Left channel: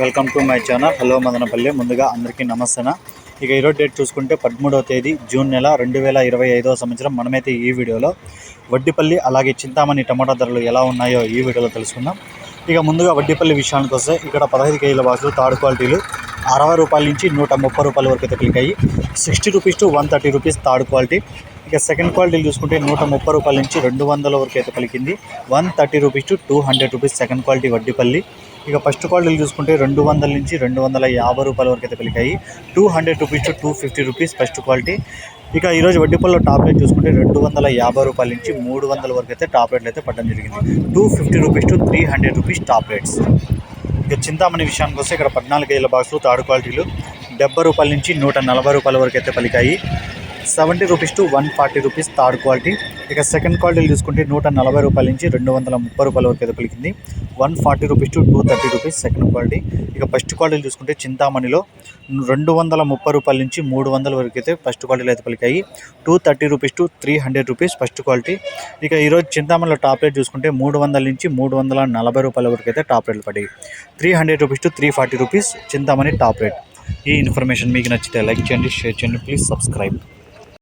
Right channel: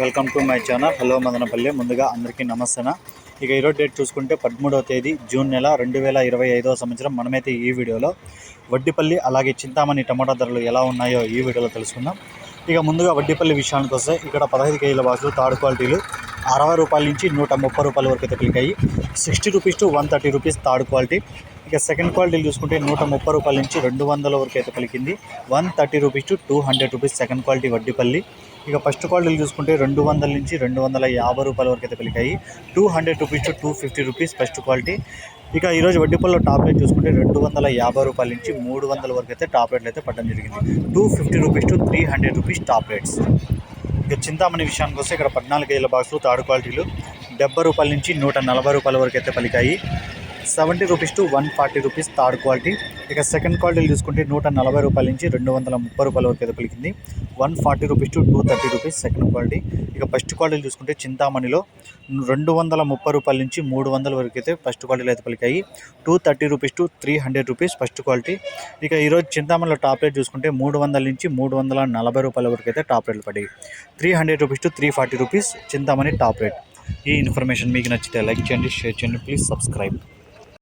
Welcome to my channel. Hello Madanapalle. ముందుగా అందరికీ నమస్తే ఇక ఈరోజు డేట్ చూసుకుంటే పదమూడవ తేదీ జూన్ నెల రెండు వేల ఇరవై ఐదవ సంవత్సరం. మనమైతే ఈ వీడియోలో వడ్డిపల్లి అలాగే చింతామణి టమాటా ధరలు ఎలా ఉన్నాయో ఈ వీడియోలో తెలుసుకుందాం. ఇక ముందుగా వడ్డిపల్లి విషయానికి వస్తే ఇక్కడ పదహైదు కేజీల బాక్సులు థర్డ్ క్వాలిటీలు అరవై రూపాయల నుంచి నూట ముప్పై రూపాయల వరకు అయితే క్లిక్ అయ్యి sixty rupees to one thirty rupees third quality ఇక సెకండ్ క్వాలిటీలు చూసుకుంటే నూట ముప్పై రూపాయల నుంచి రెండు వందల వరకు అయితే పలికింది. One thirty rupees to two hundred rupees second quality Vaddipalli. ఇక ఫస్ట్ క్వాలిటీలు చూసుకుంటే రెండు వందల నుంచి రెండు వందల యాభై రూపాయల వరకు అయితే పలికాయి. Two hundred rupees to two fifty rupees first quality ఇక ఈరోజు వడ్డీపల్లిలో టాప్ రేట్ చూసుకుంటే రెండు వందల యాభై రూపాయల నుంచి మూడు వందల వరకు అయితే టాప్ రేట్లు అయితే పడడం జరిగింది. Two fifty rupees to three hundred rupees top rates ఇక చింతామణి విషయానికి వస్తే ఇక్కడ పద్నాలుగు వేల బాక్సులు థర్డ్ క్వాలిటీలు. డెబ్బై రూపాయల నుంచి నూట నలభై రూపాయల వరకు అయితే పలికాయి. Seventy rupees to one forty rupees third quality. ఇక సెకండ్ క్వాలిటీలు చూసుకుంటే నూట నలభై రూపాయల నుంచి రెండు వందల ముప్పై రూపాయల వరకు అయితే పలికింది. One forty rupees to two thirty rupees second quality. ఇక ఫస్ట్ క్వాలిటీలు చూసుకుంటే చింతామణిలో రెండు వందల ముప్పై రూపాయల నుంచి మూడు వందల వరకు అయితే ఫస్ట్ క్వాలిటీలు అయితే పలికాయి. Two thirty rupees to three hundred rupees first quality. ఇక ఈరోజు చింతామణిలో టాప్ రేట్ చూసుకుంటే మూడు వందల నుంచి మూడు వందల నలభై రూపాయల వరకు అయితే టాప్ రేట్లు పడ్డాయి. Three hundred rupees to three forty rupees Chintamani top rate. ఈ ఇన్ఫర్మేషన్ మీకు నచ్చితే లైక్ చేయండి షేర్ చేయండి ప్లీజ్ సబ్స్క్రైబ్.